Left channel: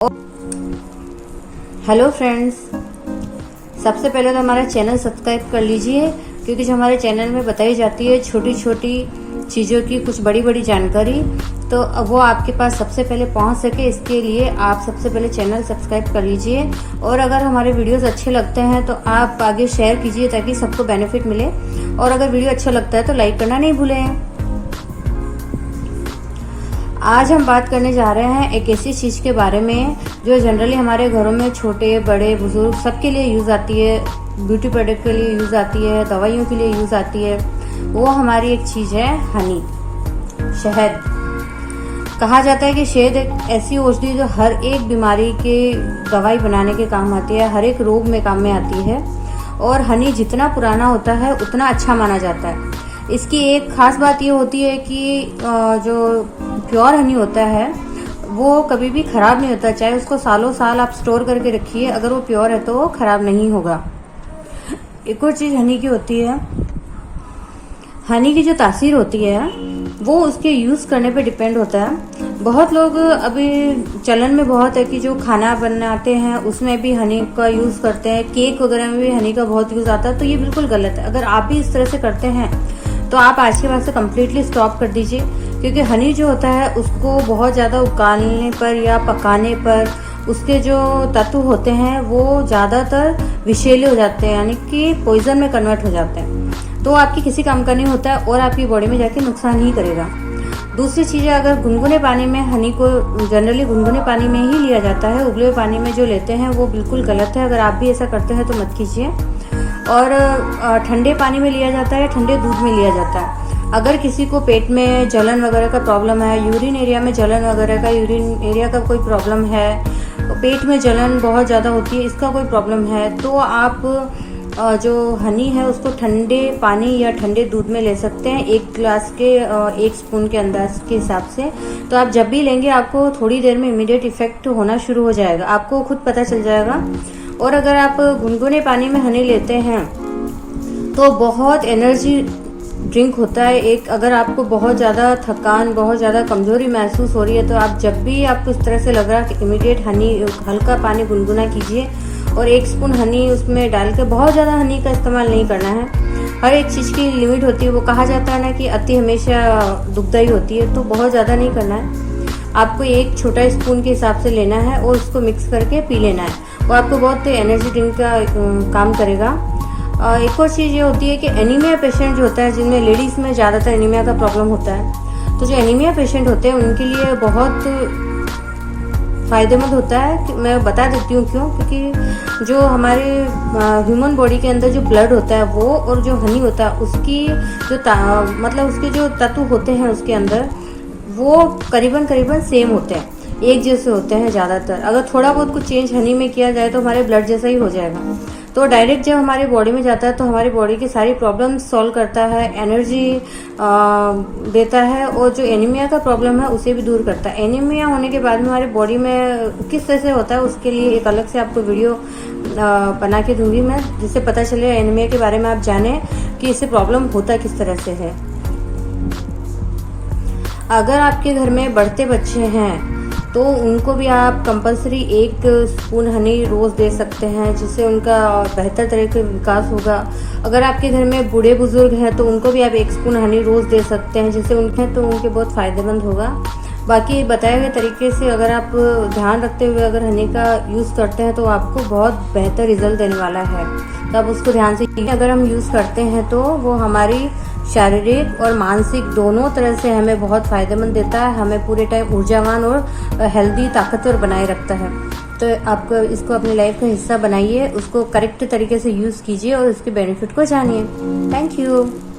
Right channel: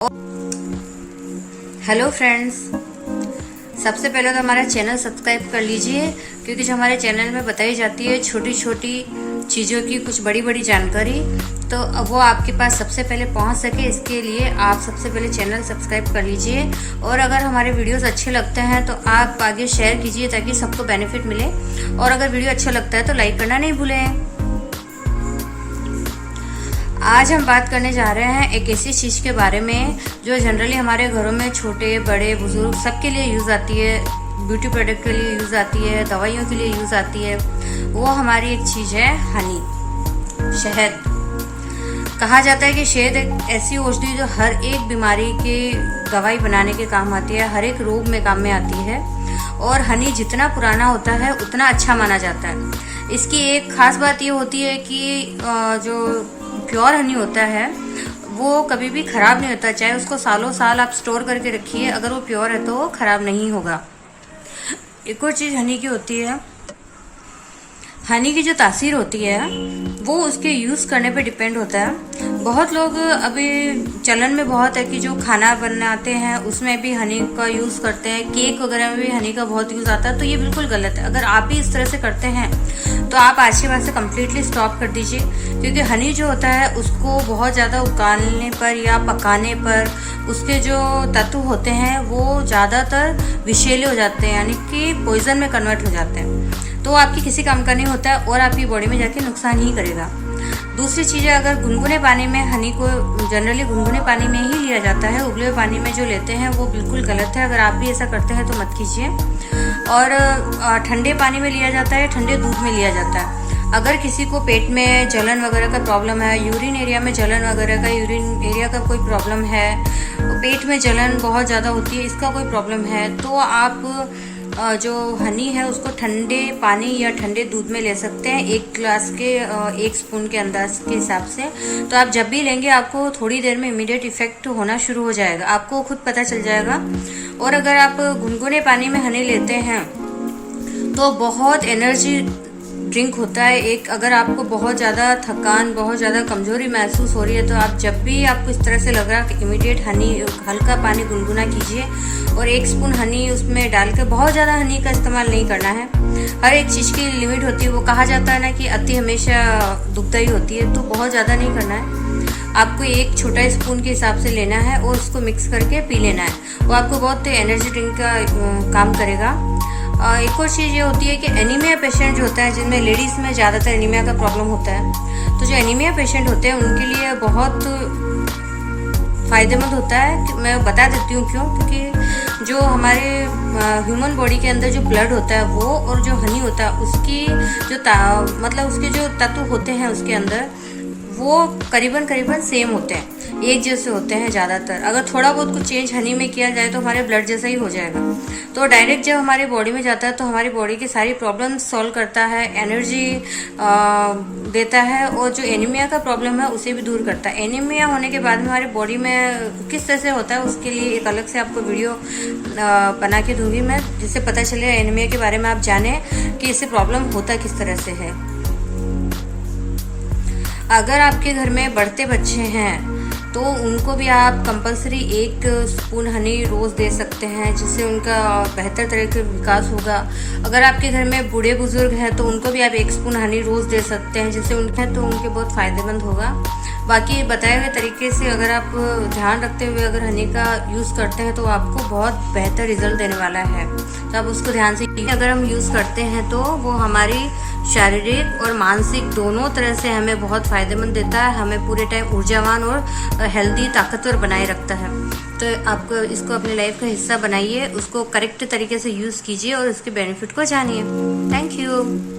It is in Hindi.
हेलो फ्रेंड्स, सबसे पहले तो हमारा चैनल सब्सक्राइब कर लीजिए, क्योंकि जो हमारे चैनल में बताई जाती है छोटी छोटी चीज़ों की कुछ बड़ी बड़ी जानकारी, तो वो आपके पास सबसे पहले पहुंच सके, इसके लिए आप सबसे पहले चैनल सब्सक्राइब कर लीजिए। और अगर हमारे वीडियोस अच्छे लगते हैं तो आप आगे शेयर कीजिए ताकि सबको बेनिफिट मिले। और अगर वीडियो अच्छा लगता है तो लाइक करना नहीं भूलें। आज हम बात करने जा रहे हैं एक ऐसी चीज़ के बारे में जो जनरली हमारे घरों में छोटे बड़े बुजुर्ग सबके लिए यूज़ आती है, ब्यूटी प्रोडक्ट के लिए यूज़ आती है, दवाइयों के लिए यूज़ आती है। वो हमारी एक चीज़ है हनी, शहद। कहा जाता है कि शहद एक ऐसी औषधि जो हर एक बीमारी के दवाई बनाने के काम आती है, हर एक रोग में काम में आती है। और हनी जितना पुराना होता है उतना अच्छा माना जाता है। इसकी एक खास बात ये होती है कि जो प्योर हनी होता है वो कभी भी खराब नहीं होता, चाहे उसको सालों साल आप स्टोर करके रखिए, अगर वो प्योर है तो वो खराब नहीं होगा। एक और चीज हनी की होती है, हनी की जो तासीर होती है वो उसके यूज करने पे डिपेंड होता है। बहुत लोग अभी चलन में बहुत है कि जो खाना बनाते हैं उसमें भी हनी का यूज करते हैं, केक वगैरह में भी हनी का बहुत यूज आता है, तो ये बिल्कुल गलत है। अगर आप भी इस तरह से करते हैं तो आप आज के बाद से कम्प्लीटली स्टॉप कर दीजिए, क्योंकि हनी जो होता है उसको बहुत ज़्यादा उबालने पर या पकाने पर उसके जो तत्व होते हैं वो ज़्यादातर विषैले हो जाते हैं, यानी कि पॉइजन में कन्वर्ट हो जाते हैं। तो आपकी किसी काम का नहीं होता है और आपकी बॉडी में जाके नुकसान ही करेगा। दूसरी चीज़ है, अगर गुनगुने पानी में हनी को जनरली गुनगुने पानी में ही लिया जाता है, उबले हुए पानी में जो लेते हैं वो बिल्कुल गलत है। अगर आप भी ऐसा करते हैं तो मत कीजिए। और ठंडे पानी में लिया जाता है, ठंडे दूध में लिया जाता है। अगर किसी को पेट में जलन वगैरह का प्रॉब्लम है, यूरिन एरिया में जलन वगैरह का, यूरिन एरिया का कोई प्रॉब्लम है, पेट में जलन बहुत ज़्यादा होती है, इसका कोई प्रॉब्लम है, तो आप जो हनी है उसको ठंडे पानी या ठंडे दूध में ले सकते हैं, एक ग्लास के 1 स्पून के अंदाज के हिसाब से। तो आप जब भी लेंगे आपको थोड़ी देर में इमीडिएट इफेक्ट होना शुरू हो जाएगा, आपको खुद पता चल जाएगा। और अगर आप गुनगुने पानी में हनी लेते हैं तो बहुत एनर्जी ड्रिंक होता है एक। अगर आपको बहुत ज़्यादा थकान, बहुत ज़्यादा कमजोरी महसूस हो रही है तो आप जब भी आपको इस तरह से लग रहा है कि इमीडिएट हनी, हल्का पानी गुनगुना कीजिए और 1 स्पून हनी उसमें डालकर, बहुत ज़्यादा हनी का इस्तेमाल नहीं करना है। हर एक चीज़ की लिमिट होती है। वो कहा जाता है ना कि अति हमेशा दुखदाई होती है, तो बहुत ज़्यादा नहीं करना है। आपको एक छोटा स्पून के हिसाब से लेना है और उसको मिक्स करके पी लेना है। वो आपको बहुत एनर्जी ड्रिंक का काम करेगा। एक और चीज़ ये होती है कि एनीमिया पेशेंट जो होता है, जिनमें लेडीज़ में ज़्यादातर एनीमिया का प्रॉब्लम होता है, तो जो एनीमिया पेशेंट होते हैं उनके लिए बहुत फ़ायदेमंद होता है। कि मैं बता देती हूँ क्यों, क्योंकि जो हमारे ह्यूमन बॉडी के अंदर जो ब्लड होता है वो और जो हनी होता है उसकी जो मतलब उसके जो तत्व होते हैं उसके अंदर वो करीबन सेम होते हैं, एक जैसे होते हैं ज़्यादातर। अगर थोड़ा बहुत कुछ चेंज हनी में किया जाए तो हमारे ब्लड जैसा ही हो जाएगा। तो डायरेक्ट जब हमारी बॉडी में जाता है तो हमारी बॉडी की सारी प्रॉब्लम्स सॉल्व करता है, एनर्जी देता है, और जो एनीमिया का प्रॉब्लम है उसे भी दूर करता है। एनीमिया होने के बाद में हमारी बॉडी में किस तरह से होता है उसके लिए एक अलग से आपको वीडियो बना के दूंगी मैं, जिससे पता चले एनीमिया के बारे में आप जाने कि इससे प्रॉब्लम होता किस तरह से है। अगर आपके घर में बढ़ते बच्चे हैं तो उनको भी आप कंपलसरी 1 स्पून हनी रोज़ दे सकते हैं, जिससे उनका बेहतर तरह का विकास होगा। अगर आपके घर में बूढ़े बुजुर्ग हैं तो उनको भी आप 1 स्पून हनी रोज़ दे सकते हैं, जिससे उनके बहुत फ़ायदेमंद होगा। बाकी बताए हुए तरीके से अगर आप ध्यान रखते हुए अगर हनी का यूज़ करते हैं तो आपको बहुत बेहतर रिजल्ट देने वाला है। तो आप उसको ध्यान से अगर हम यूज़ करते हैं तो वो हमारी शारीरिक और मानसिक दोनों तरह से हमें बहुत फ़ायदेमंद देता है, हमें पूरे टाइम ऊर्जावान और हेल्दी, ताकतवर बनाए रखता है। तो आप इसको अपनी लाइफ का हिस्सा बनाइए, उसको करेक्ट तरीके से यूज़ कीजिए और उसके बेनिफिट को जानिए। Thank you.